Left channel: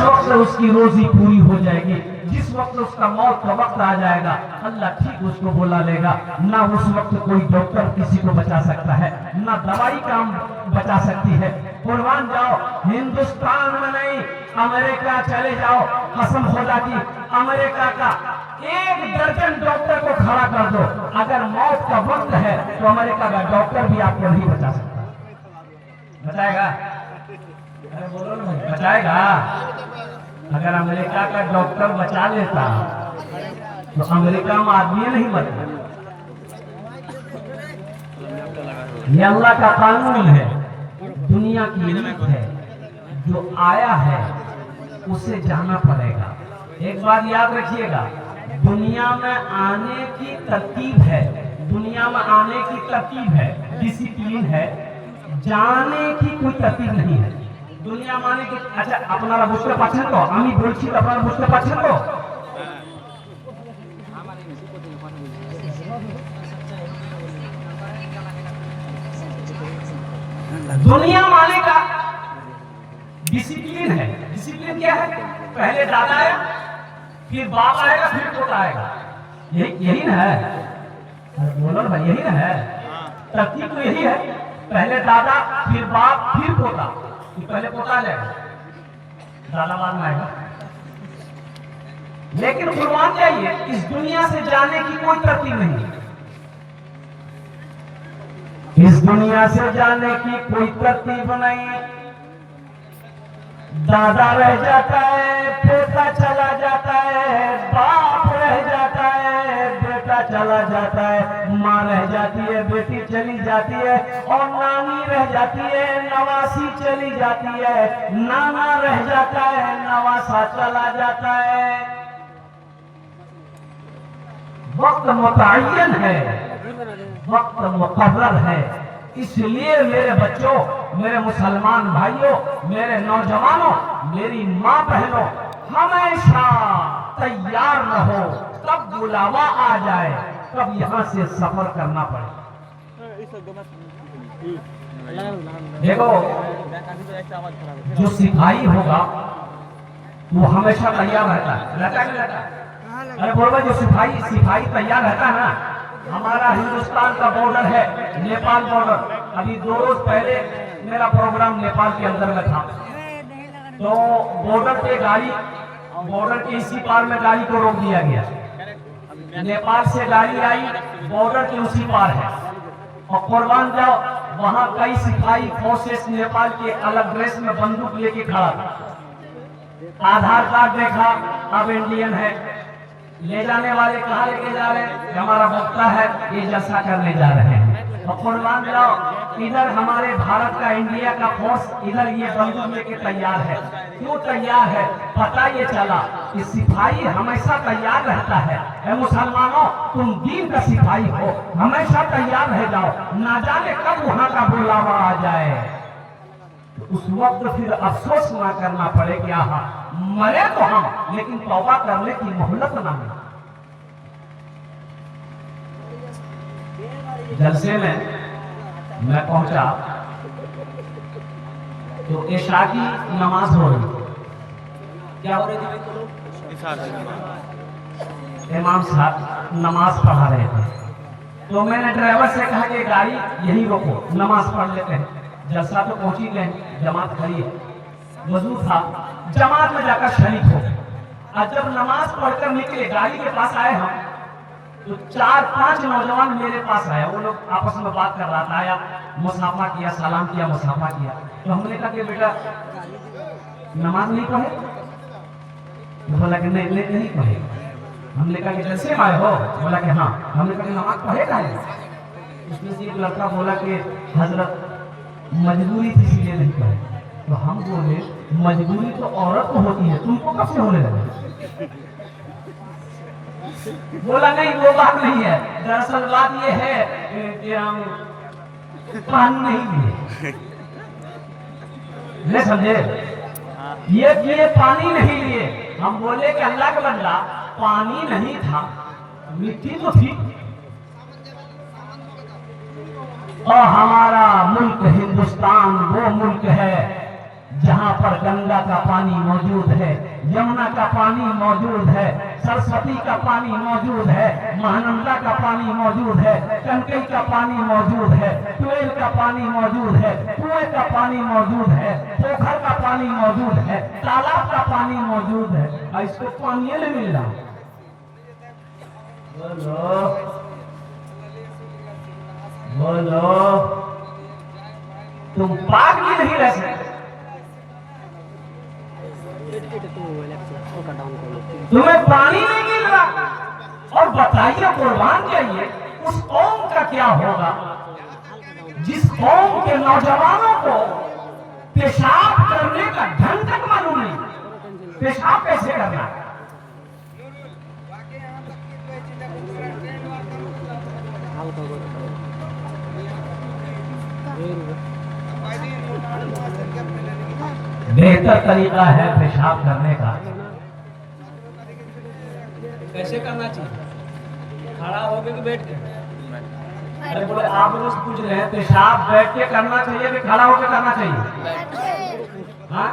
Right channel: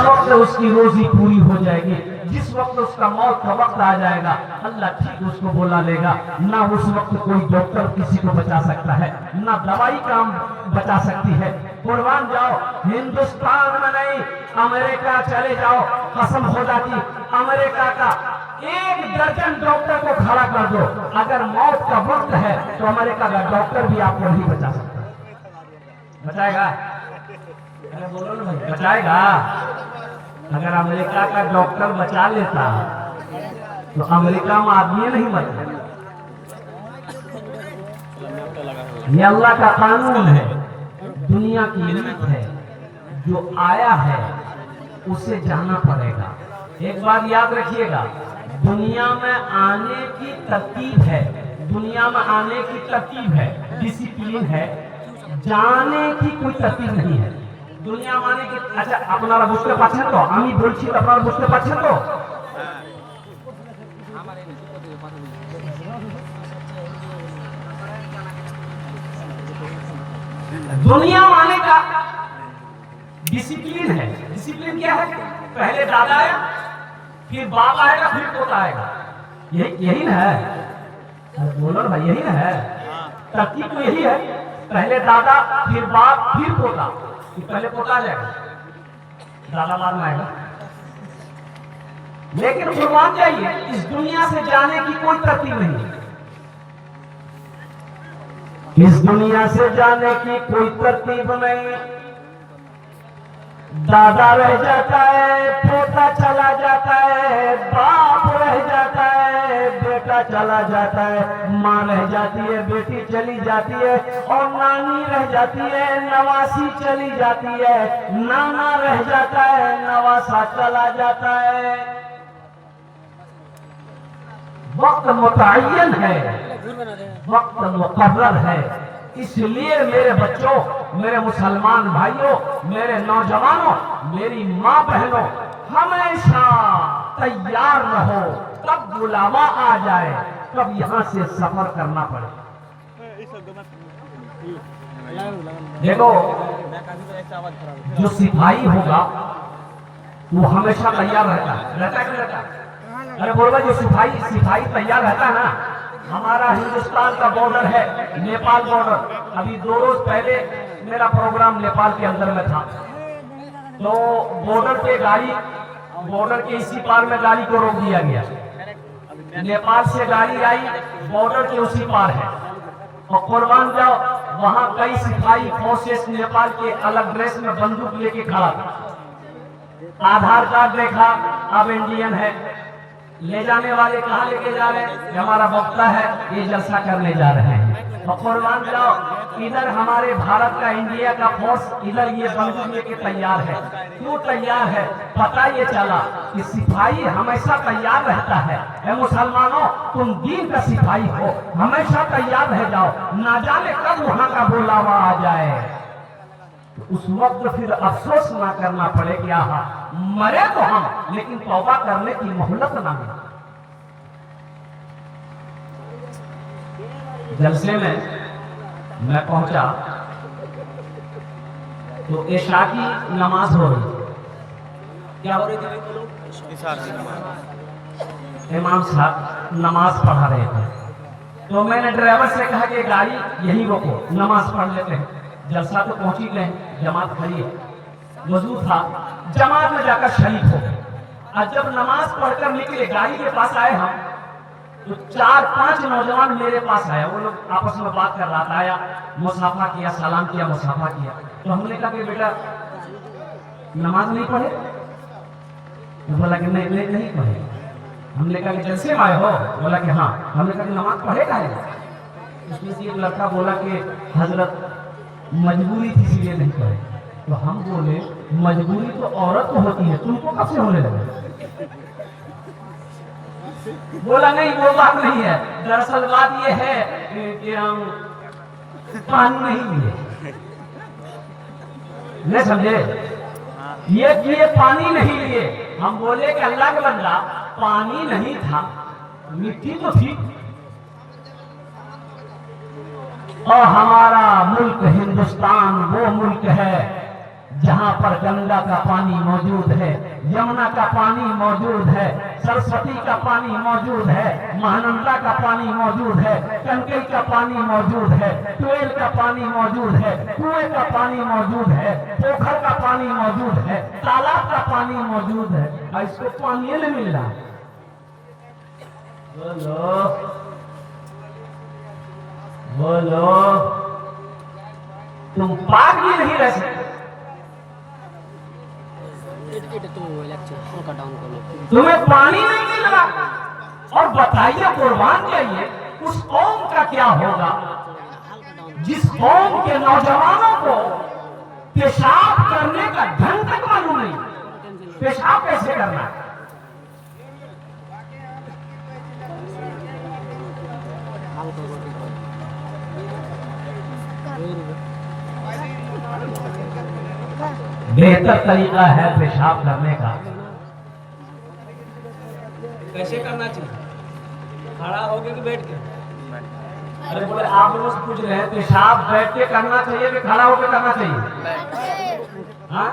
वक्त उसकी रोजी पूरी हो जाएगी, जिस वक्त उसका मौत का वक्त आ जाएगा अल्लाह ठीक उसको बोला लेगा। ना उस वक्त कोई डॉक्टर किसी को बचा सकता है, ना दवाई काम बचा सकती है। कुर्बान जाओ, हिंदुस्तान में नहीं अमेरिका चले जाओ, कसम खुदा की अमेरिका का 1 दर्जन डॉक्टर को खड़ा कर दो, अगर मौत का वक्त है तो अमेरिका का डॉक्टर भी आपको नहीं बचा सकता। बचाएगा? अरे बोलो ना, बचाएगा? अगर अमेरिका का डॉक्टर बचा लेता तो अमेरिका में आदमी नहीं बचा। ये अल्लाह का कानून है, दुनिया की नीयत है, जो आया है उसे जाना पड़ेगा। एक बात याद रखिएगा, दुनिया में आने की तरतीब है, दुनिया में आने की तरतीब है, डिसिप्लिन है, जाने की कोई तरतीब नहीं है। दुनिया माने कि अच्छा আপনারা বুঝতে পারছেন তো, আমি বলছি আপনারা বুঝতে পারছেন তো? दुनिया माने का डिसिप्लिन है। डिसिप्लिन क्या है? पहले दादा आया, फिर बाप आएगा, फिर पोता आएगा। यही ना है? बोलो भाई, यही ना है? तरतीब तो यही है, पहले दादा, फिर बाप, फिर पोता। पहले पोता आ जाएगा, दादा बाद में आएगा। लेकिन कुर्बान जाइए, इस दुनिया से जाने की कोई तरतीब नहीं है। इस दुनिया से जाने की कोई तरतीब नहीं। दादा रह जाता है, पोता चला जाता है, बाप रह जाता है, बेटा चला जाता है, माँ रह जाती है, बेटी चली जाती है, और नानी रह जाती है, नवासी चली जाती है, नाना रह जाता है, नवासा चला जाता है। वक्त मुतअय्यन है, वक्त मुकर्रर है। इसलिए मेरे बच्चों, मेरे मुसलमान भाइयों, मेरे नौजवानों, मेरी माँ बहनों, हमेशा तैयार रहो, कब बुलावा आ जाए, कब यहाँ से सफर करना पड़े। देखो, जो सिपाही होगा वो हमेशा तैयार रहता है। अरे बोलो, जो सिपाही तैयार रहता है ना। हमारा हिंदुस्तान का बॉर्डर है नेपाल बॉर्डर। अभी 2 रोज पहले मेरा प्रोग्राम नेपाल के अंदर में था, तो बॉर्डर पे गाड़ी, बॉर्डर के इसी पार में गाड़ी को रोक दिया गया। नेपाल से गाड़ी आई, बॉर्डर के उसी पार है, और कुर्बान जाओ, वहां कई सिपाही फोर्सेस नेपाल के अलग ड्रेस में बंदूक लेके खड़ा था। आधार कार्ड देखा, अब इंडियन है। ले जाने वाले कहाँ लेके जा रहे हैं? हमारा वक्ता है, ये जलसा करने जा रहे हैं। और कुर्बान जाओ, इधर हमारे भारत का, इंडिया का फोर्स इधर ये बंदूक लेके तैयार है। क्यों तैयार है? पता ये चला कि सिपाही हमेशा तैयार रहता है। ऐ मुसलमानों, तुम दीन का सिपाही हो, हमेशा तैयार रह जाओ, ना जाने कब वहां का बुलावा आ जाए, उस वक्त फिर अफसोस ना करना पड़े कि आहा मरे तो हम, लेकिन तौबा करने की मोहलत ना मिले। जलसे में मैं पहुंचा तो इशा की नमाज हो रही। क्या हो रही थी भाई? बोलो। इशार की नमाज। इमाम साहब नमाज पढ़ा रहे थे, तो मैंने ड्राइवर से कहा कि गाड़ी यही रोको, नमाज पढ़ लेते हैं। जलसा तो पहुंच ही गए, जमात खड़ी है, वजू था, जमात में जाकर शरीक हो गए। और जब नमाज पढ़कर निकले, गाड़ी के पास आए हम, तो 4-5 नौजवान मेरे पास आए। वो लोग आपस में बात कर रहा था, आया, मुसाफा किया, सलाम किया, मुसाफा किया। तो हमने कहा कि बेटा नमाज नहीं पढ़े? बोला कि नहीं पढ़े। हमने कहा कि जलसे में आए हो? बोला कि हाँ। हमने कहा कि नमाज पढ़ेगा है? उसमें से एक लड़का बोला कि हजरत मजबूरी थी इसलिए नहीं पढ़े। तो हम बोले मजबूरी तो औरत को होती है, तुमको कब से होने लगे? बोला नहीं, वो बात नहीं है, दरअसल बात ये है कि हम कानून नहीं लिए, नहीं समझे? ये पानी नहीं लिए। हम बोले कि अल्लाह का बंदा, पानी नहीं था, मिट्टी तो थी, और हमारा मुल्क हिंदुस्तान वो मुल्क है जहाँ पर गंगा का पानी मौजूद है, यमुना का पानी मौजूद है, सरस्वती का पानी मौजूद है, महानंदा का पानी मौजूद है, कनकई का पानी मौजूद है, ट्वेल का पानी मौजूद है, कुएं का पानी मौजूद है, पोखर का पानी मौजूद है, तालाब का पानी मौजूद है, और इसको पानी नहीं मिल रहा। बोलो बोलो, तुम पाक भी नहीं रह सकते। तुम्हें पानी नहीं मिल रहा और बताइए कुर्बान जाइए उस कौम का क्या होगा जिस कौम के नौजवानों को पेशाब करने का ढंग तक मालूम नहीं। पेशाब कैसे करना है? बेहतर तरीका है पेशाब करने का। कैसे करना चाहिए? खड़ा होके कि बैठ के? अरे बोले आप लोगों से पूछ रहे हैं पेशाब बैठ के करना चाहिए कि खड़ा होके करना चाहिए? हाँ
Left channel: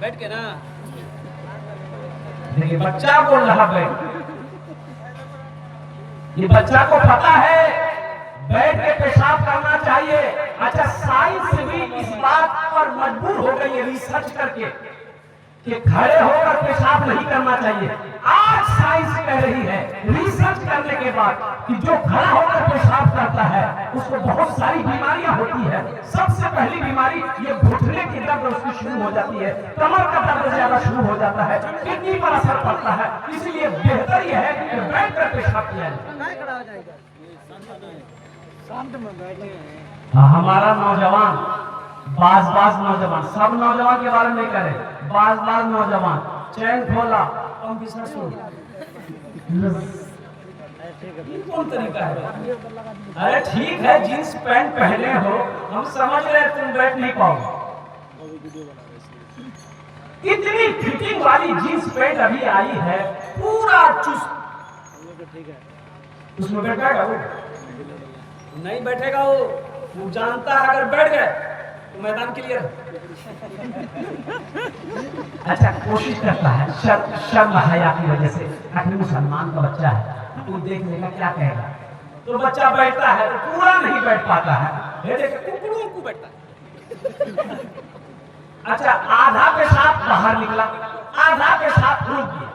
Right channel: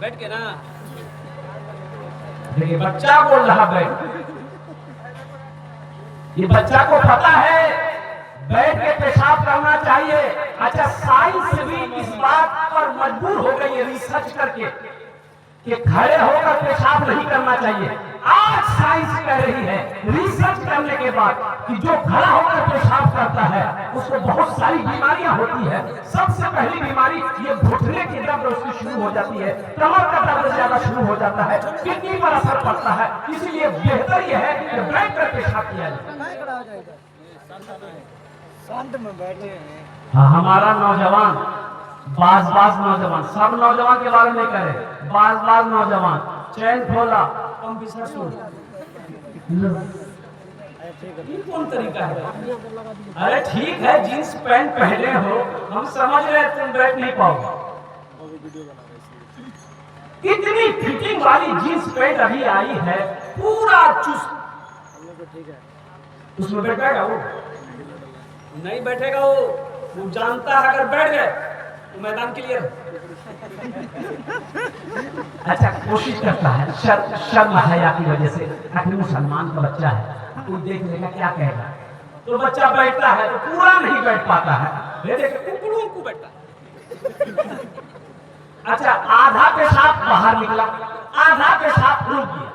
बैठ के ना। देखिए बच्चा बोल रहा बैठ, ये बच्चा को पता है बैठ के पेशाब करना चाहिए। अच्छा साइंस भी इस बात पर मजबूर हो गई है रिसर्च करके कि खड़े होकर पेशाब नहीं करना चाहिए। आज साइंस कह रही है रिसर्च करने के बाद कि जो खड़ा होकर पेशाब करता है उसको बहुत सारी बीमारियां होती है। सबसे पहली बीमारी ये घुटने की दर्द उसकी शुरू हो जाती है, कमर का दर्द ज्यादा शुरू हो जाता है, किडनी पर असर पड़ता है। इसलिए बेहतर यह है कि बैठ कर पेशाब किया जाए। हमारा नौजवान बाज नौजवान, सब नौजवान के बारे में कह रहे, बाज नौजवान चैन खोला कंप्यूटर छोड़। कौन तरीका है भाई? अरे ठीक है जींस पैंट पहने हो, हम समझ रहे तुम बैठ नहीं पाओगे। इतनी फिटिंग वाली जींस पैंट अभी आई है, पूरा चुस्त। ठीक है, उसमें बैठ पाएगा वो? नहीं बैठेगा वो जानता है अगर बैठ गए तो मैदान क्लियर है। अच्छा कोशिश करता है, शर्म हया की वजह से, आखिर मुसलमान का बच्चा है, कोई देख लेगा क्या कहेगा, तो बच्चा बैठता है तो पूरा नहीं बैठ पाता है। ये देखो कुकड़ों को बैठता है। अच्छा आधा पेशाब बाहर निकला, आधा पेशाब रुक गया,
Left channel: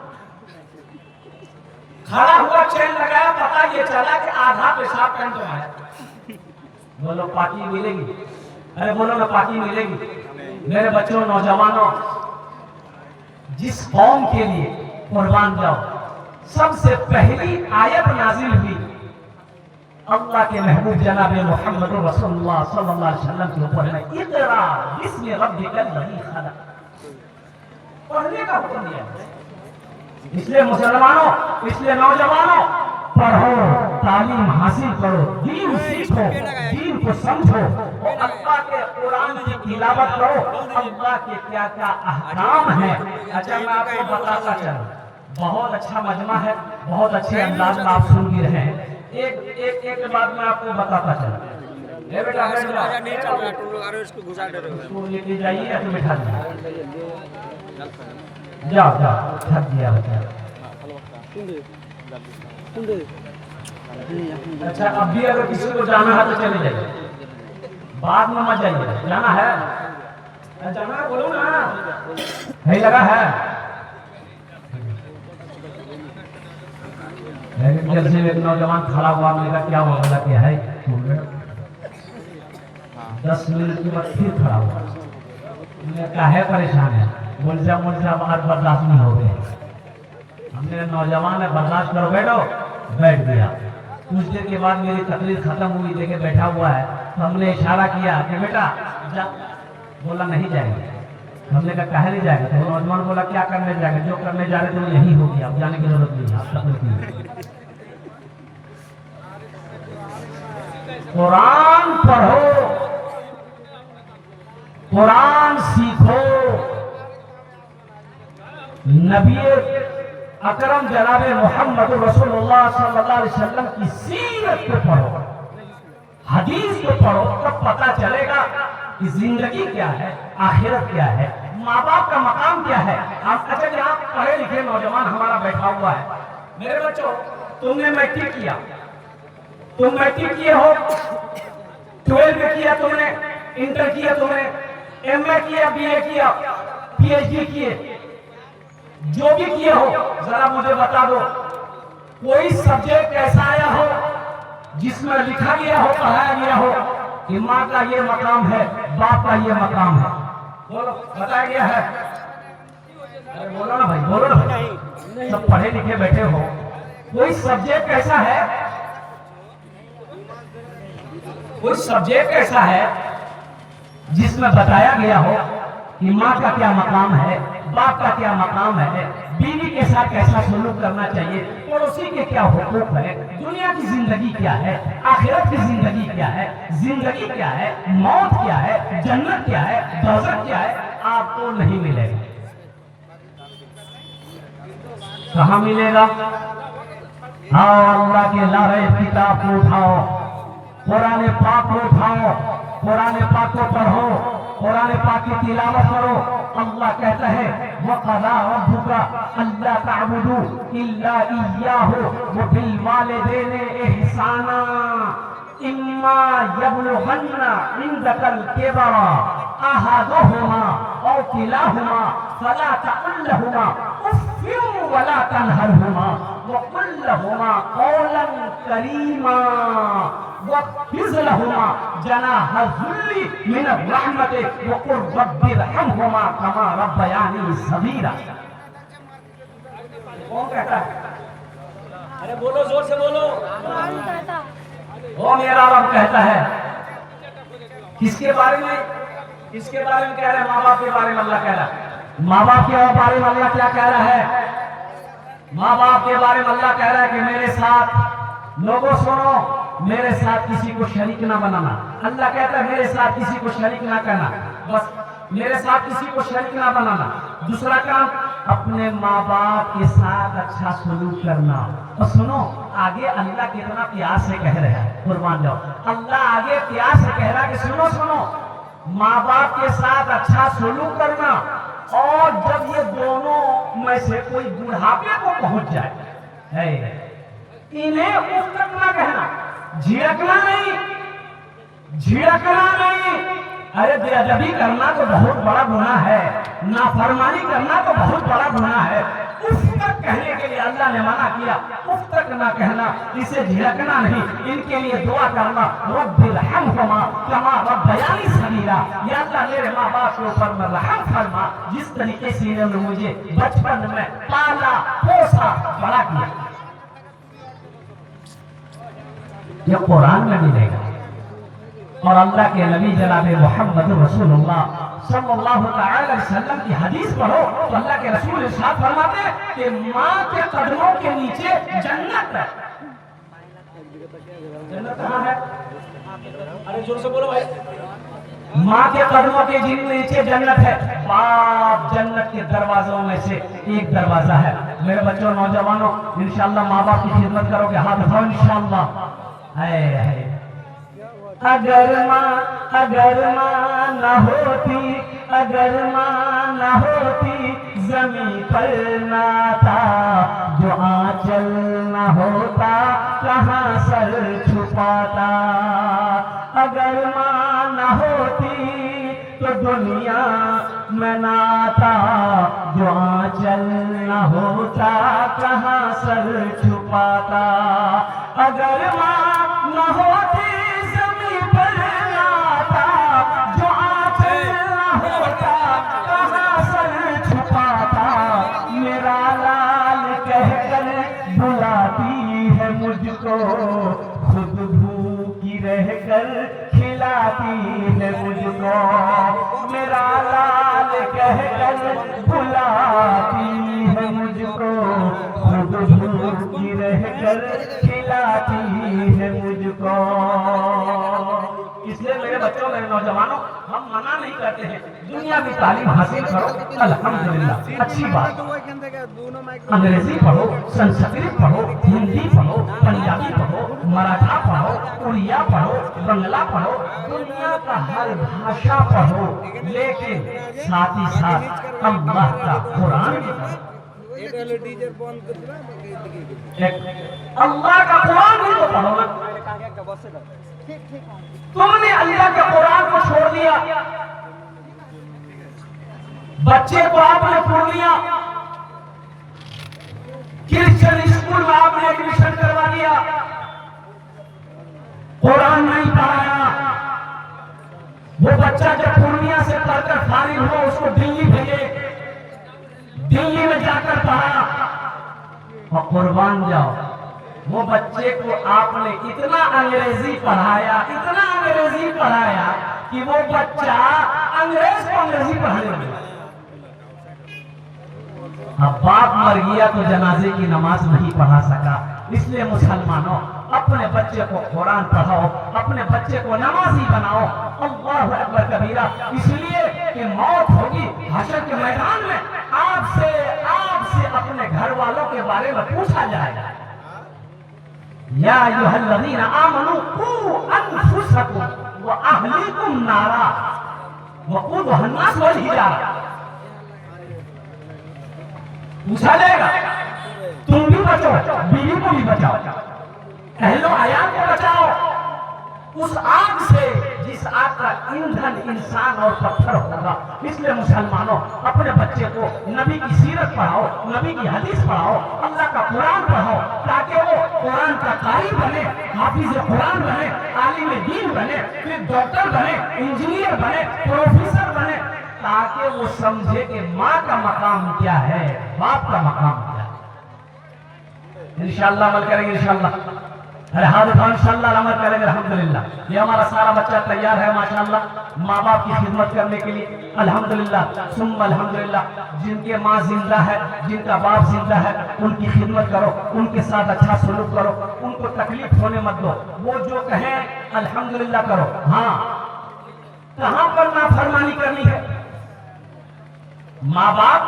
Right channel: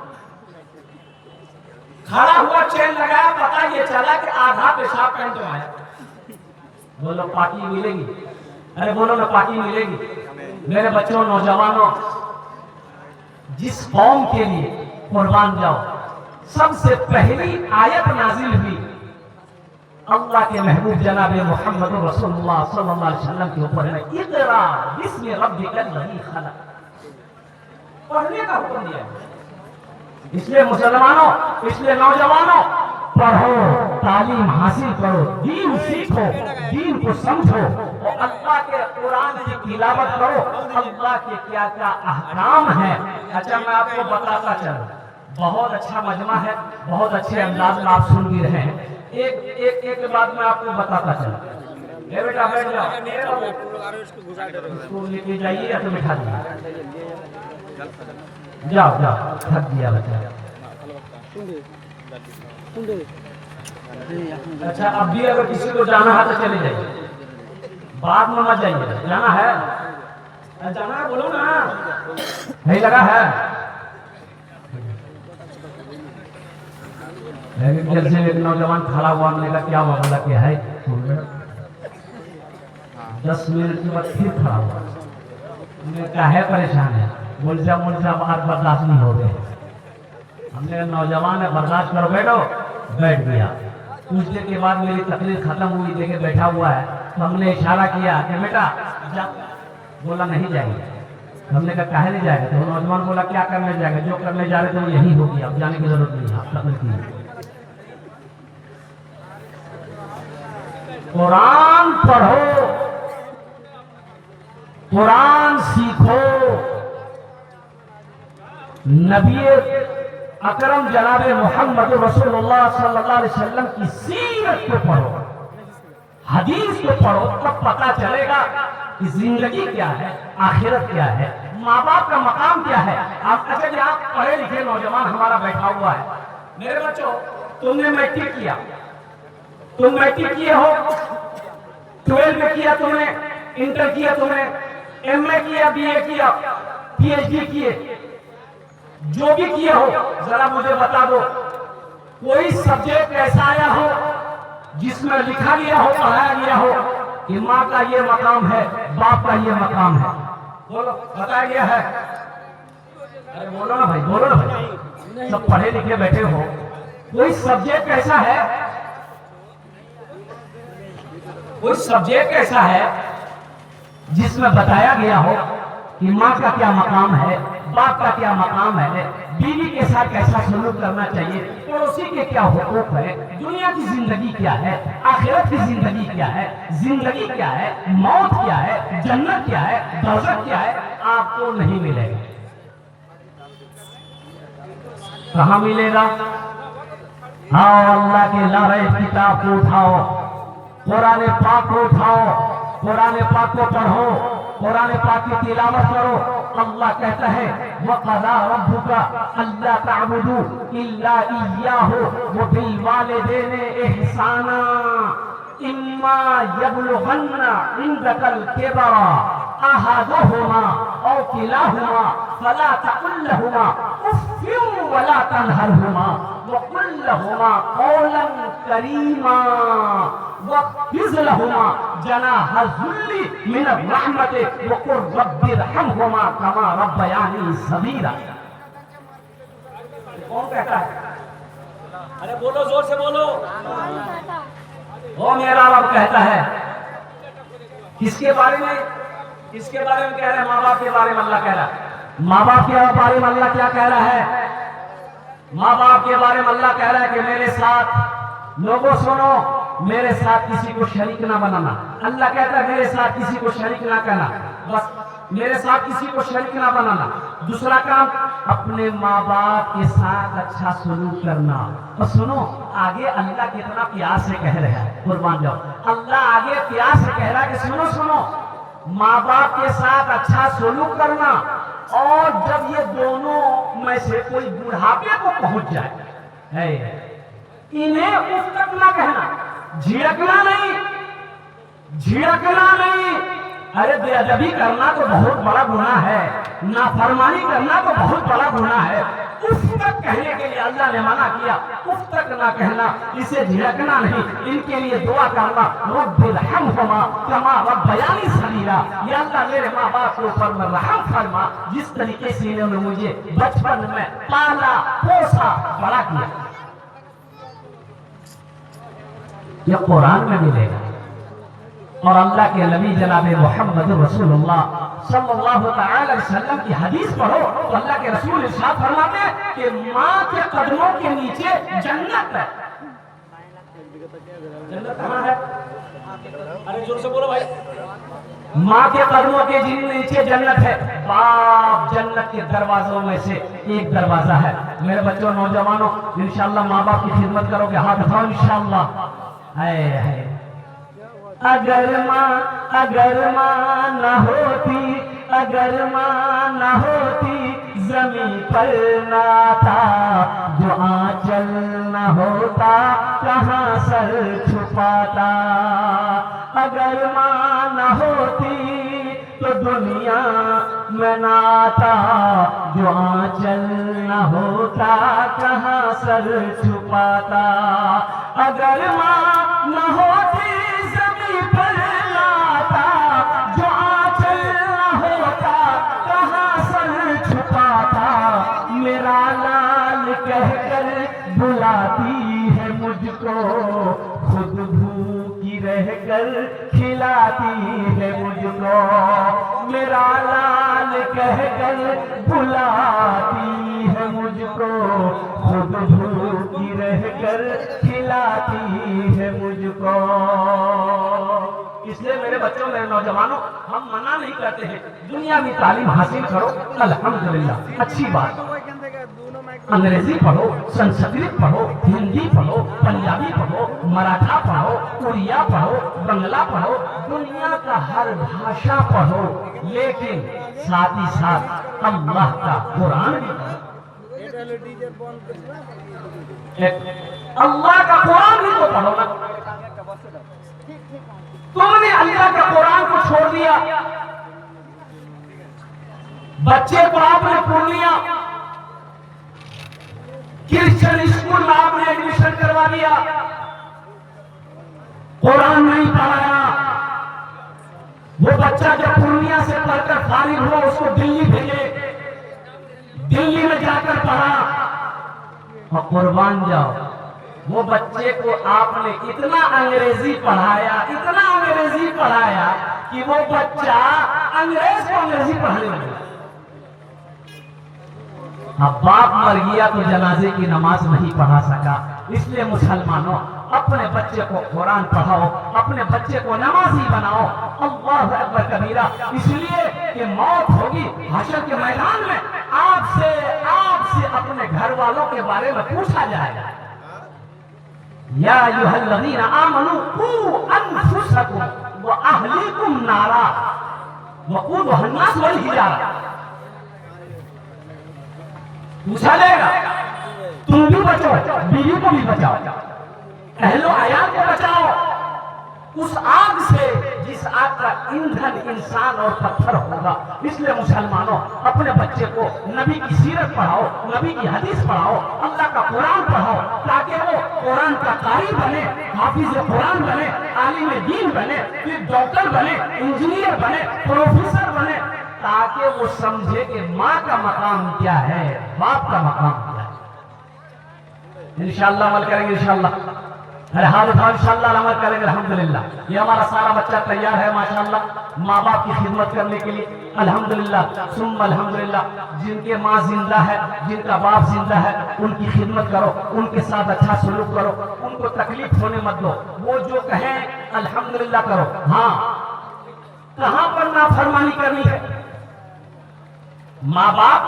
खड़ा हुआ चैन लगाया, पता ये चला कि आधा पेशाब पैंट में आया। बोलो पार्टी मिलेगी? अरे बोलो ना पार्टी मिलेगी? मेरे बच्चों नौजवानों, जिस कौम के लिए कुर्बान जाओ, सबसे पहली आयत नाजिल हुई अल्लाह के महबूब जनाब मोहम्मद रसूलुल्लाह सल्लल्लाहु अलैहि वसल्लम के ऊपर है, इक़रा बिस्मि रब्बिकल लज़ी खलक़, पढ़ने का हुक्म दिया। इसलिए मुसलमानों, इसलिए नौजवानों, पढ़ो, तालीम हासिल करो, दीन सीखो, दीन को समझो और अल्लाह के कुरान की तिलावत करो, अल्लाह के क्या क्या अहकाम है। अच्छा मैं आपको बताता चला, बहुत अच्छा मजमा है, बहुत अच्छे अंदाज में आप सुन भी रहे हैं। एक बात मैं आपको बताता चला। ए बेटा बैठ इसको लेके जाइए या तो बिठा दीजिए। जाओ थक गया बच्चा। अच्छा अब भी अगर किसी को जाना है तो चले जाइए, बाद में मत जाइए। जाना है? अरे जाना है बोलो ना, नहीं लगा है? जब से एक नौजवान खड़ा हुआ, मेरा क्या मामला क्या है, 10 मिनट के बाद फिर खड़ा हुआ, मैं काहे परेशान है, मुर्जा बात बर्दाश्त नहीं हो गए। हमने नौजवान है बर्दाश्त करो, बैठ गया। कुछ देर के बाद मेरी तकलीफ खत्म हुई, देखे बैठा हुआ है, तो हमने इशारा किया कि बेटा जाओ, बोला नहीं जाएंगे। हमने कहा काहे नहीं जाएंगे? तो नौजवान बोला क्या करने जाएंगे, जो करने जा रहे थे यही हो गया, अब जाने की जरूरत नहीं, आप तकलीफ नहीं। कुरान पढ़ो, कुरान सीखो, नबी अकरम जनाब मोहम्मद रसूलुल्लाह सल्लल्लाहु अलैहि वसल्लम की सीरत को पढ़ो, हदीस को पढ़ो, तो पता चलेगा कि जिंदगी क्या है, आखिरत क्या है, माँ बाप का मकाम क्या है। आप अच्छा कि आप पढ़े लिखे नौजवान हमारा बैठा हुआ है। मेरे बच्चों, तुमने मैट्रिक किया, तुम मैट्रिक किए हो, 12 किया तुमने, इंटर किया तुमने, एमए किया, बीए किया, पीएचडी किए, जो भी किए हो जरा मुझे बता दो, कोई सब्जेक्ट ऐसा आया हो जिसमें लिखा गया हो, पढ़ाया गया हो कि माँ का ये मकाम है, बाप का ये मकाम है? बोलो, बताया गया है? अरे बोलो ना भाई, बोलो ना भाई, सब पढ़े लिखे बैठे हो, कोई सब्जेक्ट ऐसा है, कोई सब्जेक्ट ऐसा है जिसमें बताया गया हो कि माँ का क्या मकाम है, बाप का क्या मकाम है, बीवी के साथ कैसा सलूक करना चाहिए, पड़ोसी के क्या हुकूक है, दुनिया की जिंदगी क्या है, आखिरत की जिंदगी क्या है, जिंदगी क्या है, मौत क्या है, जन्नत क्या है, दोज़ख क्या है, आपको नहीं मिलेगा। कहाँ मिलेगा? हाँ, अल्लाह के लारे किताब को उठाओ, कुरान पाक को उठाओ, कुरान पाक को पढ़ो, कुरान पाक की तिलावत करो। अल्लाह कहता है वक़ज़ा रब्बुका अल्ला तअबुदू इल्ला इय्याहु व बिल वालिदैनि इहसाना इम्मा यबलुगन्ना इंदकल किबरा अहदुहुमा औ किलाहुमा फला तक़ुल लहुमा उफ़्फ़िन वला तनहरहुमा व क़ुल लहुमा क़ौलन करीमा वक़्फ़िज़ लहुमा जनाह ज़ुल्ली मिन रहमति व क़ुल रब्बिरहमहुमा कमा रब्बयानी सगीरा। कौन कहता है? अरे बोलो, जोर से बोलो। ओ मेरा रब कहता है। किसके बारे में? किसके बारे में कह रहा है? माँ बाप के बारे में अल्लाह कह रहा है। माँ बाप के बारे में अल्लाह क्या कह रहा है? माँ बाप के बारे में अल्लाह कह रहा है कि मेरे साथ, लोगों सुनो, मेरे साथ किसी को शरीक ना बनाना। अल्लाह कहता है मेरे साथ किसी को शरीक ना करना, बस मेरे साथ किसी को शरीक ना बनाना। दूसरा काम, अपने माँ बाप के साथ अच्छा सलूक करना। और सुनो, आगे अल्लाह कितना प्यार से कह रहा है, कुर्बान जाओ, अल्लाह आगे प्यार से कह रहा है कि सुनो सुनो, माँ बाप के साथ अच्छा सलूक करना। और जब ये दोनों में से कोई बुढ़ापे को पहुंच जाए, इन्हें उस तक ना कहना, झिड़कना नहीं, झिड़कना नहीं। अरे बेअदबी करना तो बहुत बड़ा गुनाह है, नाफरमानी करना तो बहुत बड़ा गुनाह है। उस तक कहने के लिए अल्लाह ने मना किया, उस तक ना कहना, इसे झिड़कना नहीं। इनके लिए दुआ करना, रब्बिरहमहुमा कमा रब्बयानी सगीरा, या अल्लाह मेरे माँ बाप के ऊपर में रहम फरमा, जिस तरीके से इन्होंने मुझे बचपन में पाला पोसा बड़ा किया। यह कुरान में मिलेगा। और अल्लाह के नबी जनाब मोहम्मद रसूलुल्लाह सल्लल्लाहु अलैहि वसल्लम की हदीस पढ़ो तो अल्लाह के रसूल इरशाद फरमाते हैं कि माँ के कदमों के नीचे जन्नत है। जन्नत कहाँ है? अरे जोर से बोलो भाई। माँ के कदमों के नीचे जन्नत है। बाप जन्नत के दरवाजों में से एक दरवाजा है। मेरे बच्चों, नौजवानों, इंशाअल्लाह माँ बाप की खिदमत करोगे, हाथ उठाओ इंशाअल्लाह। है अगर माँ न होती, अगर माँ न होती, जमीन पर ना था, जो आंचल न होता, कहाँ सर छुपाता। अगर माँ न होती तो दुनिया में ना था, जो आंचल न होता, कहाँ सर छुपाता। अगर माँ न होती, जमीन पर ना था, जो आंचल न होता, कहाँ सर छुपाता। मेरा लाल कहकर बुलाती है मुझको, खुद भूखी रहकर खिलाती है मुझको। मेरा लाल कहकर बुलाती है मुझको, खुद भूखी रहकर खिलाती है मुझको। इसलिए मेरे बच्चों, मेरे नौजवानों, हम मना नहीं करते हैं, दुनिया की तालीम हासिल करो, अल्हम्दुलिल्लाह, अच्छी बात। अंग्रेजी पढ़ो, संस्कृत पढ़ो, हिंदी पढ़ो, पंजाबी पढ़ो, मराठा पढ़ो, उड़िया पढ़ो, बंगला पढ़ो, दुनिया का हर भाषा पढ़ो, लेकिन साथ ही साथ अल्लाह का कुरान भी पढ़ो। अल्लाह का कुरान भी तो पढ़ो ना। तुमने अल्लाह का कुरान को छोड़ दिया, बच्चे को आपने पूर्णिया क्रिश्चियन स्कूल में आपने एडमिशन करवा दिया, कुरान नहीं पढ़ाया। वो बच्चा जब पूर्णिया से पढ़कर फारिग हुआ उसको दिल्ली भेजे, दिल्ली में जाकर पढ़ा और कुर्बान जाओ, वो बच्चे को आपने इतना अंग्रेजी पढ़ाया, इतना अंग्रेजी पढ़ाया कि वो बच्चा अंग्रेज को अंग्रेजी पढ़ने लगा। अब बाप मर गया तो जनाजे की नमाज नहीं पढ़ा सका, इसलिए मुसलमानों अपने बच्चे को कुरान पढ़ाओ, अपने बच्चे को नमाजी बनाओ। अल्लाहु अकबर कबीरा, इसलिए कि मौत होगी हशर के मैदान में, आपसे अपने घर वालों के बारे में पूछा जाएगा। या अय्युहल्लज़ीना आमनू कू अनफुसकुम व अहलीकुम नारा वक़ूदुहा अन्नास वल हिजारा। पूछा जाएगा, तुम भी बचो, बीवी को भी बचाओ, अहलो अयाल को बचाओ उस आग से जिस आग का ईंधन इंसान और पत्थर होगा। इसलिए मुसलमानों अपने बच्चे को नबी की सीरत पढ़ाओ, नबी की हदीस पढ़ाओ, अल्लाह का कुरान पढ़ाओ, ताकि वो कुरान का कारी बने, हाफिज कुरान बने, आलिम दीन बने, फिर डॉक्टर बने, इंजीनियर बने, प्रोफेसर बने, ताकि वो समझे कि माँ का मकाम क्या है, बाप का मकाम क्या है। इंशाअल्लाह अमल करेंगे, इंशाअल्लाह इंशाअल्लाह अमल करेंगे। अल्हम्दुलिल्लाह ये हमारा सारा बच्चा तैयार है माशाअल्लाह, माँ बाप की खिदमत करने के लिए। अल्हम्दुलिल्लाह सुम्मा अल्हम्दुलिल्लाह, जिनके माँ जिंदा है, जिनका बाप जिंदा है, उनकी खिदमत करो, उनके साथ अच्छा सलूक करो, उनको तकलीफ होने मत दो। वो जो कहें अल्हम्दुलिल्लाह करो। हाँ, कहाँ पर नाफरमानी करनी है? माँ बाप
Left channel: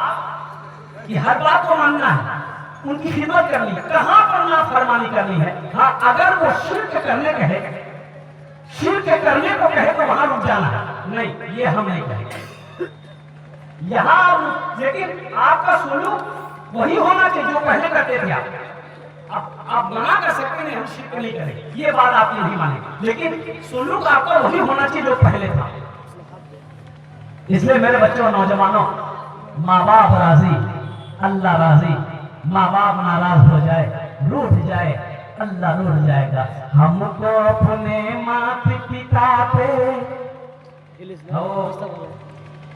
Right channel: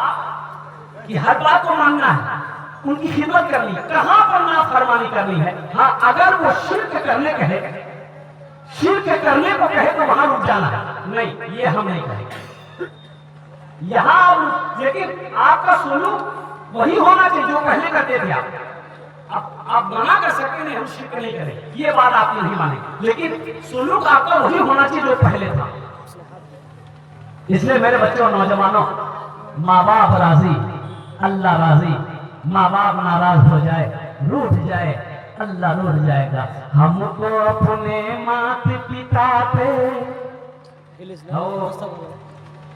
की हर बात को मानना है, उनकी खिदमत करनी है, कहां पर नाफरमानी करनी है? हाँ, अगर वो शिर्क करने कहे, शिर्क करने को कहे तो वहां रुक जाना है, नहीं ये हम नहीं कहेंगे यहाँ। लेकिन आपका सुलूक वही होना चाहिए जो पहले करते थे। आप मना कर सकते नहीं हम शिर्क नहीं करें, ये बात आप नहीं मानेंगे, लेकिन सुलूक आपका वही होना चाहिए जो पहले था। इसलिए मेरे बच्चों और नौजवानों, माँ बाप राजी, अल्लाह राजी। माँ बाप नाराज हो जाए, रूठ जाए, अल्लाह रूठ जाएगा। हमको अपने माता पिता पे।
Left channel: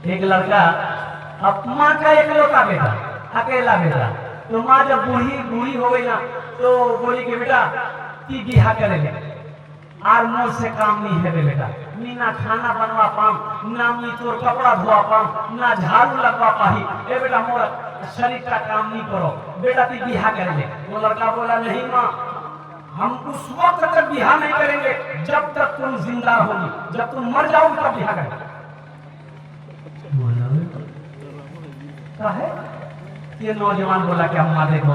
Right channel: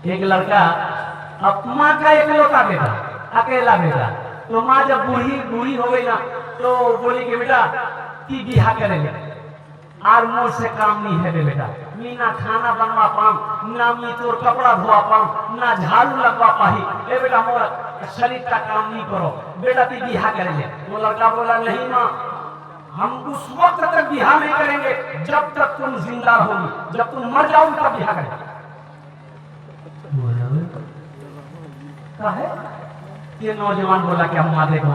एक लड़का माँ का इकलौता बेटा, अकेला बेटा, तो माँ जब बूढ़ी हो गई ना तो बोली कि बेटा ती बिहा करेंगे, और मुझसे काम नहीं है बेटा, ना खाना बनवा पाऊं, ना मी तोर कपड़ा धोआ पाऊं, ना झाड़ू लगवा पाही, ए बेटा मोरा शरीर का काम नहीं करो, बेटा ती बिहा करेंगे। वो लड़का बोला नहीं माँ, हम उस वक्त तक बिहा नहीं करेंगे जब तक तुम जिंदा होगी, जब तुम मर जाओगी तब बिहा करेंगे। है ये नौजवान बोला कि हम देखो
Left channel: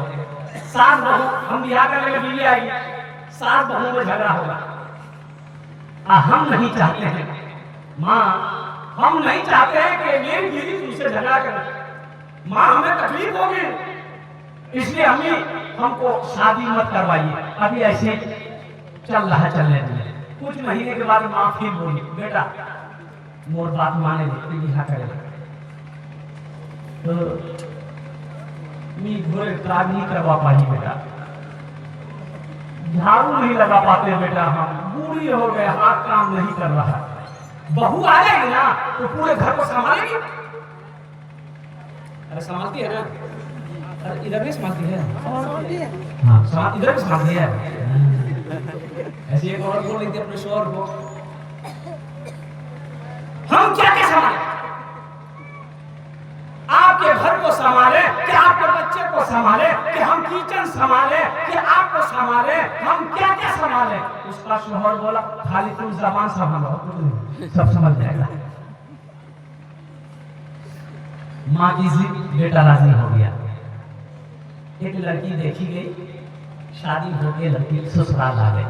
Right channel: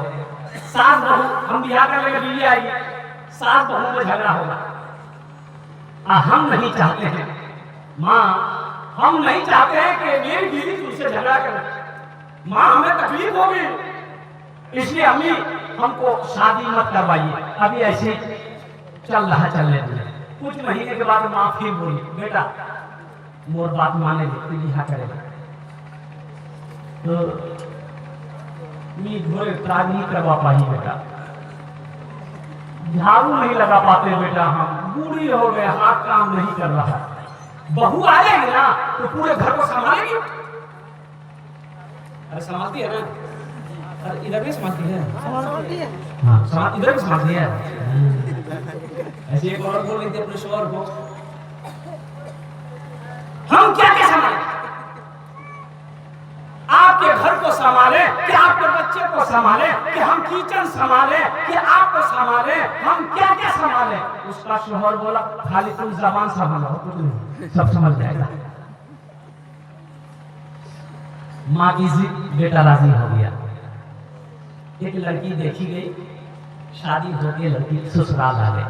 सास बहू हम बिहा कर लेंगे, बीवी आएगी, सास बहू में झगड़ा होगा। हम नहीं चाहते हैं माँ, हम नहीं चाहते हैं कि मेरी बीवी तुमसे झगड़ा करे, माँ हमें तकलीफ होगी, इसलिए हमको शादी मत करवाइए, अभी ऐसे चल रहा चलने दीजिए। कुछ महीने के बाद माँ फिर बोली बेटा मोर बात माने बिहा करेगा, तो मी घोरे त्राग नहीं करवा पाई बेटा, झाड़ू नहीं लगा पाते बेटा, हम बूढ़ी हो गए, हाथ काम नहीं कर रहा। बहू आ जाएगी ना तो पूरे घर को संभालेगी। अरे संभालती है ना, अरे इधर भी संभालती है, हाँ इधर भी संभालती है। ऐसे एक और बोल रही थी अपने शोहर को, हम क्या क्या संभाले, आपके घर को संभाले कि आपके बच्चे को संभाले, कि हम किचन संभाले कि आपको संभाले, हम क्या क्या संभाले। उसका शोहर बोला खाली तुम जबान संभालो, सब समझ जाएगा। माँ की जिद, बेटा राजी हो गया। एक लड़की देखी गई, शादी होके लड़की ससुराल आ गई।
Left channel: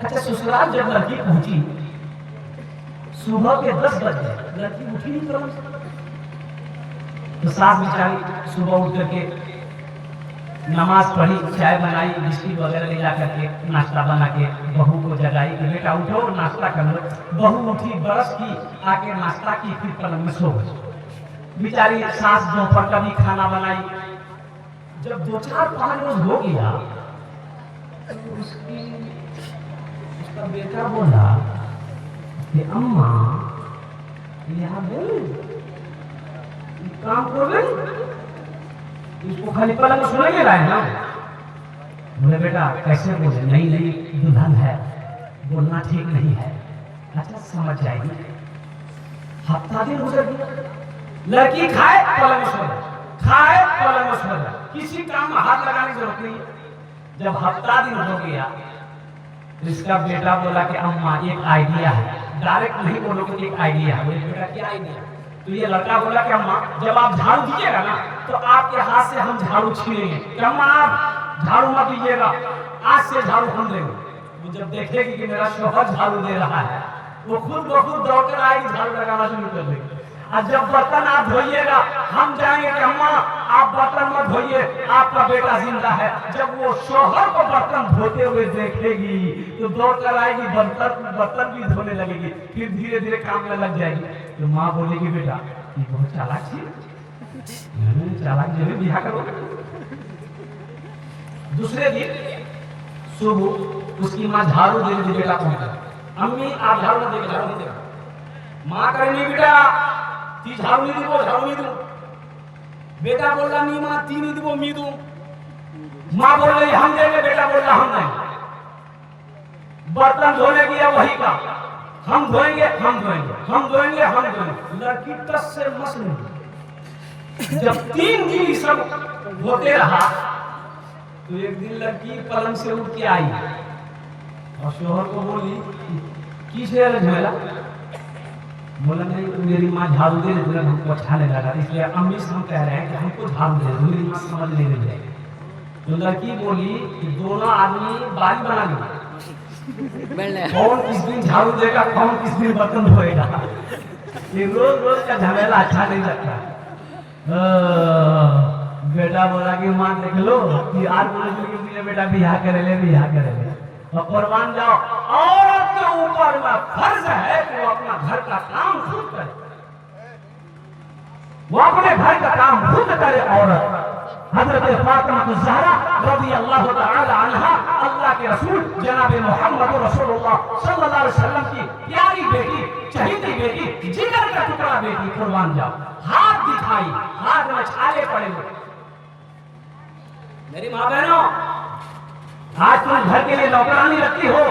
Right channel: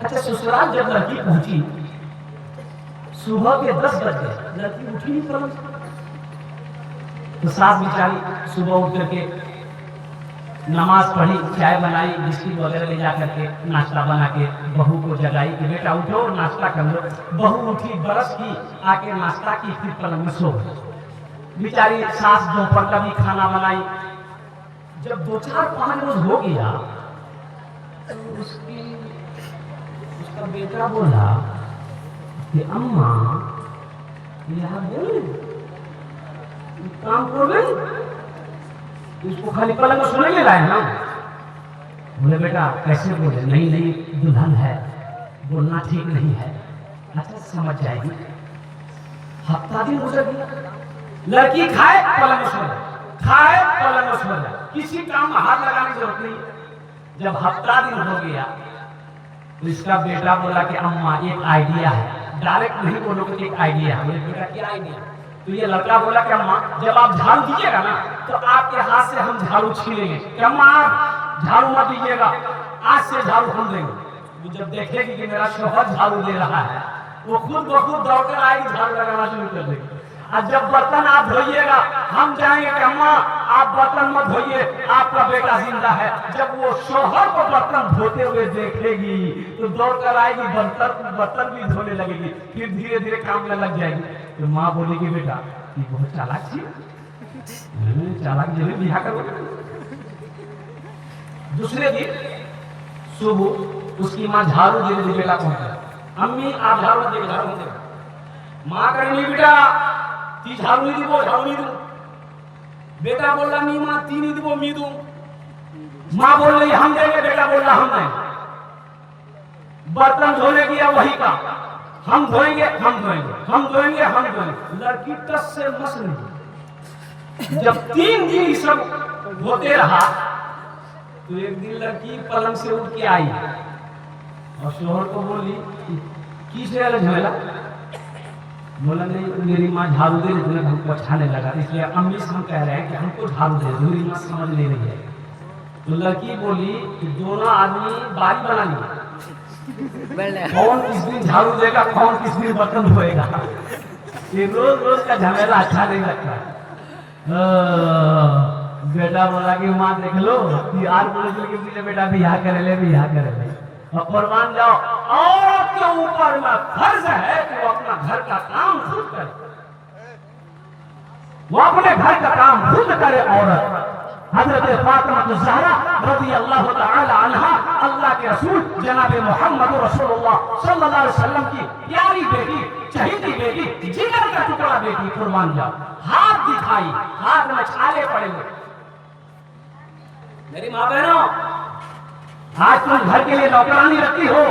अच्छा, ससुराल जब लड़की पहुंची, सुबह के 10 बज गए, लड़की उठी नहीं पड़ी। तो सास बेचारी सुबह उठ करके नमाज पढ़ी, चाय बनाई, बिस्किट वगैरह ले जा करके नाश्ता बना के बहू को जगाई कि बेटा उठो नाश्ता कर लो। बहू उठी, ब्रश की, आके नाश्ता की, फिर पलंग में सो गई। बेचारी सास दोपहर का भी खाना बनाई। जब 2-4-5 रोज हो गया तो उसका बेटा बोला कि अम्मा यहाँ बोले काम कर गई, इसको खाली पलंग में सोने ले रहे हैं ना। बोले बेटा कैसे बोले? नहीं नहीं, दुल्हन है, बोलना ठीक नहीं है। अच्छा समझ जाएगी। हफ्ता दिन गुजर गया, लड़की खाए पलंग में सोए, खाए पलंग में सोए, किसी काम में हाथ लगाने की जरूरत नहीं। जब हफ्ता दिन हो गया तो इसका बेटा बोला कि अम्मा एक आइडिया है। डायरेक्ट नहीं बोलोगे कि एक आइडिया है। बोले बेटा क्या आइडिया? तो ये लड़का बोला कि अम्मा जब आप झाड़ू दीजिएगा ना तो आपके हाथ से हम झाड़ू छीनेंगे। कि अम्मा आप झाड़ू मत दीजिएगा, आज से झाड़ू हम देंगे। वो जब देखेगी कि मेरा शौहर झाड़ू दे रहा है, वो खुद ब खुद दौड़कर आएगी, झाड़ू लगाना शुरू कर देगी। और जब बर्तन आप धोइएगा, हम जाएंगे कि अम्मा आप बर्तन मत धोइए, आपका बेटा जिंदा है। जब वो शौहर को बर्तन धोते हुए देखेगी तो दौड़कर आएगी, बर्तन भी धोने लगेगी, फिर धीरे धीरे काम में लग जाएगी। तो माँ बोलेगी बेटा ये बहुत चालाक थी, चालाक जरूर बिहा करो। दूसरे दिन सुबह उसकी माँ झाड़ू दे दी, बेटा पहुंचा, अम्मी आप झाड़ू मत देगा, झाड़ू नहीं देगा। माँ करे नहीं बेटा ती झाड़ू नहीं दी, वो झाड़ू नहीं दूं। बेटा बोल रहा नहीं माँ ती नहीं दी, वो मी दूं। माँ बोल रही हम देंगे, बेटा बोल रहा हम नहीं। बर्तन धोने की वही का, हम धोएंगे हम धोएंगे हम धोएंगे हम धोएंगे। लड़की टस से मस नहीं। जब 3 दिन सब धोते रहा तो एक दिन लड़की पलंग से उठ के आई और शोहर को बोली किसे झमेला? बोला नहीं मेरी माँ झाड़ू दे रही, हमको अच्छा नहीं लगा, इसलिए अम्मी से हम कह रहे हैं कि हमको झाड़ू दे, मेरी माँ समझ ले रही है। तो लड़की बोली कि दोनों आदमी बारी बना लिए, कौन किस दिन झाड़ू देगा, कौन किस दिन बर्तन धोएगा। ये रोज रोज का झमेला अच्छा नहीं लगता। बेटा बोला कि माँ देख लो कि आज बोले बेटा बिहा करे ले, बिहा करे ले और कुर्बान जाओ। औरत के ऊपर फर्ज है कि वो अपना घर का काम खुद करे, वो अपने घर का काम खुद करे। औरत हजरत फातिमा ज़हरा रज़ियल्लाहु तआला अन्हा, अल्लाह के रसूल जनाब मोहम्मद रसूलुल्लाह सल्लल्लाहु अलैहि वसल्लम की प्यारी बेटी, चहेती बेटी, जिगर का टुकड़ा बेटी, कुर्बान जाओ। हाथ दिखाई, हाथ में छाले पड़े हुए। मेरी माँ बहनों, आज तुम घर के लिए नौकरानी रखती हो,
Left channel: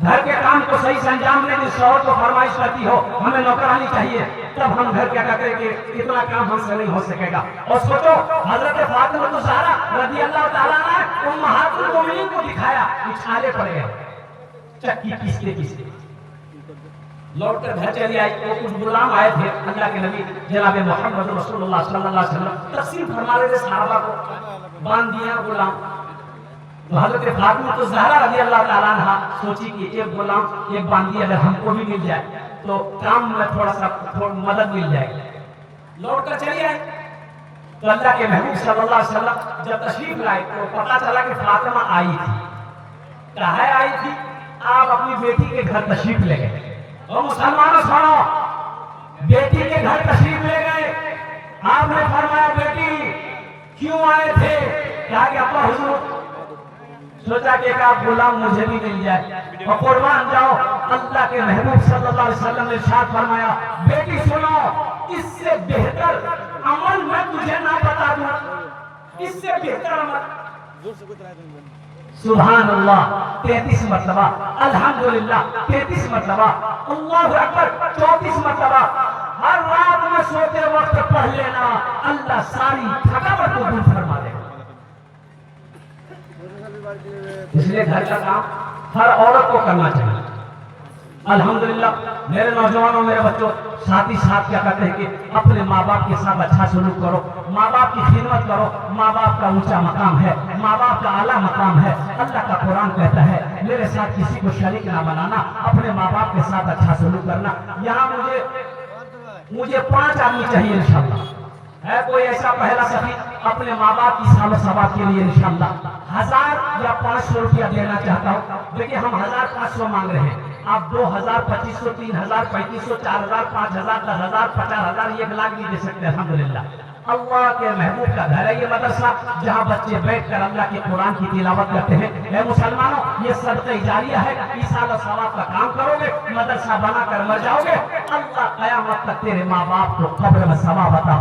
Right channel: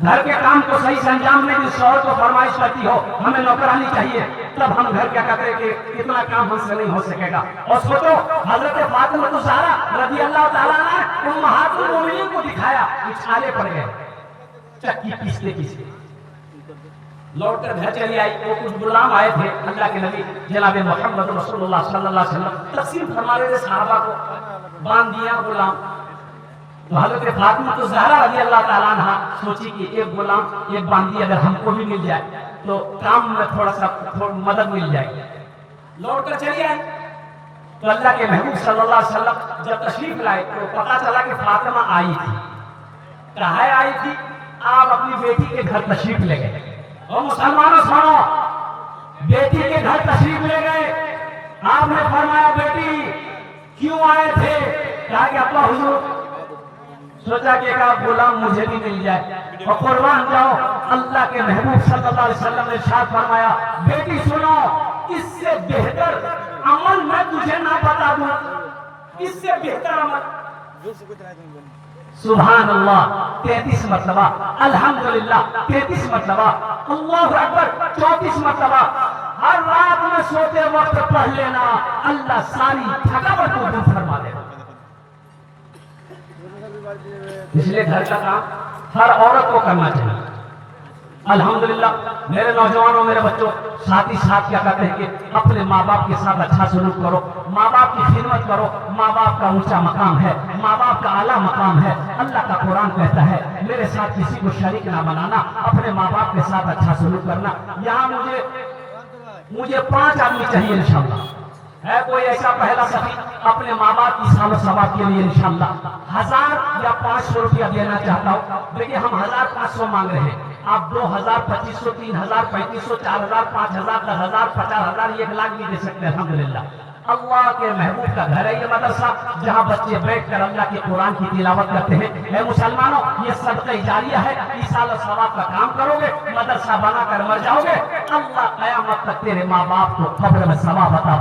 घर के काम को सही से अंजाम नहीं दी, शौहर को फरमाइश करती हो हमें नौकरानी चाहिए, तब हम घर क्या कहते हैं कि इतना काम हमसे नहीं हो सकेगा। और सोचो हजरत फातिमा ज़हरा रज़ियल्लाहु ताला अन्हा उम्महातुल मोमिनीन को दिखाया कि छाले पड़ गए, चक्की पीसते पीसते लौट कर घर चली आई। तो कुछ गुलाम आए थे, अल्लाह के नबी जनाब मोहम्मद रसूलुल्लाह सल्लल्लाहु अलैहि वसल्लम तकसीम फरमा रहे थे, सहाबा को बांध दिया गुलाम। तो हजरत फातिमा ज़हरा रज़ियल्लाहु ताला अन्हा सोची कि एक गुलाम एक बांधी अगर हमको भी मिल जाए तो काम में थोड़ा मदद मिल जाएगी। लौट कर चली आई तो अल्लाह के महबूब सल्लल्लाहु अलैहि वसल्लम जब तशरीफ लाए तो पता चला कि फातिमा आई थी। कहाँ आई थी? आप अपनी बेटी के घर तशरीफ ले गए। और मुसलमानों सुनो, बेटी के घर तशरीफ ले गए, आपने फरमाया बेटी क्यों आए थे? कहा कि अब्बा हुजूर सोचा कि आप गुलाम मुझे भी मिल जाए और कुर्बान जाओ। अल्लाह के महबूब सल्लल्लाहु अलैहि वसल्लम ने इरशाद फरमाया बेटी सुनो, इससे बेहतर अमल मैं तुझे ना बता दूं, इससे बेहतर अमल। सुभान अल्लाह 33 मरतबा, अल्हम्दुलिल्लाह 33 मरतबा, अल्लाहु अकबर 34 मरतबा हर रात में सोते वक्त पढ़ लेना, अल्लाह सारी थकावट को दूर फरमा देगा। इसलिए घर का काम हर औरत को करना चाहिए। अल्हम्दुलिल्लाह मेरे नौजवानों, मेरे बच्चों, साथ ही साथ क्या कहते हैं कि अपने माँ बाप के साथ अच्छा सलूक करो, माँ बाप की खिदमत करो। माँ बाप का ऊंचा मकाम है, माँ बाप का आला मकाम है। अल्लाह का कुरान कहता है मेरे साथ किसी को शरीक ना बनाना, अपने माँ बाप के साथ अच्छा सलूक करना। यहाँ मुझे 5 आदमी चाहिए इंशाअल्लाह। है कोई ऐसा पहला सफी अपने माँ बाप की साल सवाब के लिए इंशाअल्लाह 1000 या 500 रुपया देना चाहता हूँ। देखिए हम 1500 मांग रहे हैं, आप 2000, 2500, 3000, 3500, 4000, 5000, 10,000, 50,000, 1 लाख भी दे सकते हैं। अल्हम्दुलिल्लाह अल्लाह के महबूब का घर है ये मदरसा, जहाँ बच्चे बैठकर अल्लाह के कुरान की तिलावत करते हैं। ये मुसलमानों, ये सदका जारिया है। इस साल सवाब का काम करोगे, मदरसा बनाकर मर जाओगे, अल्लाह कयामत तक तेरे माँ बाप को कब्र में सवाब अता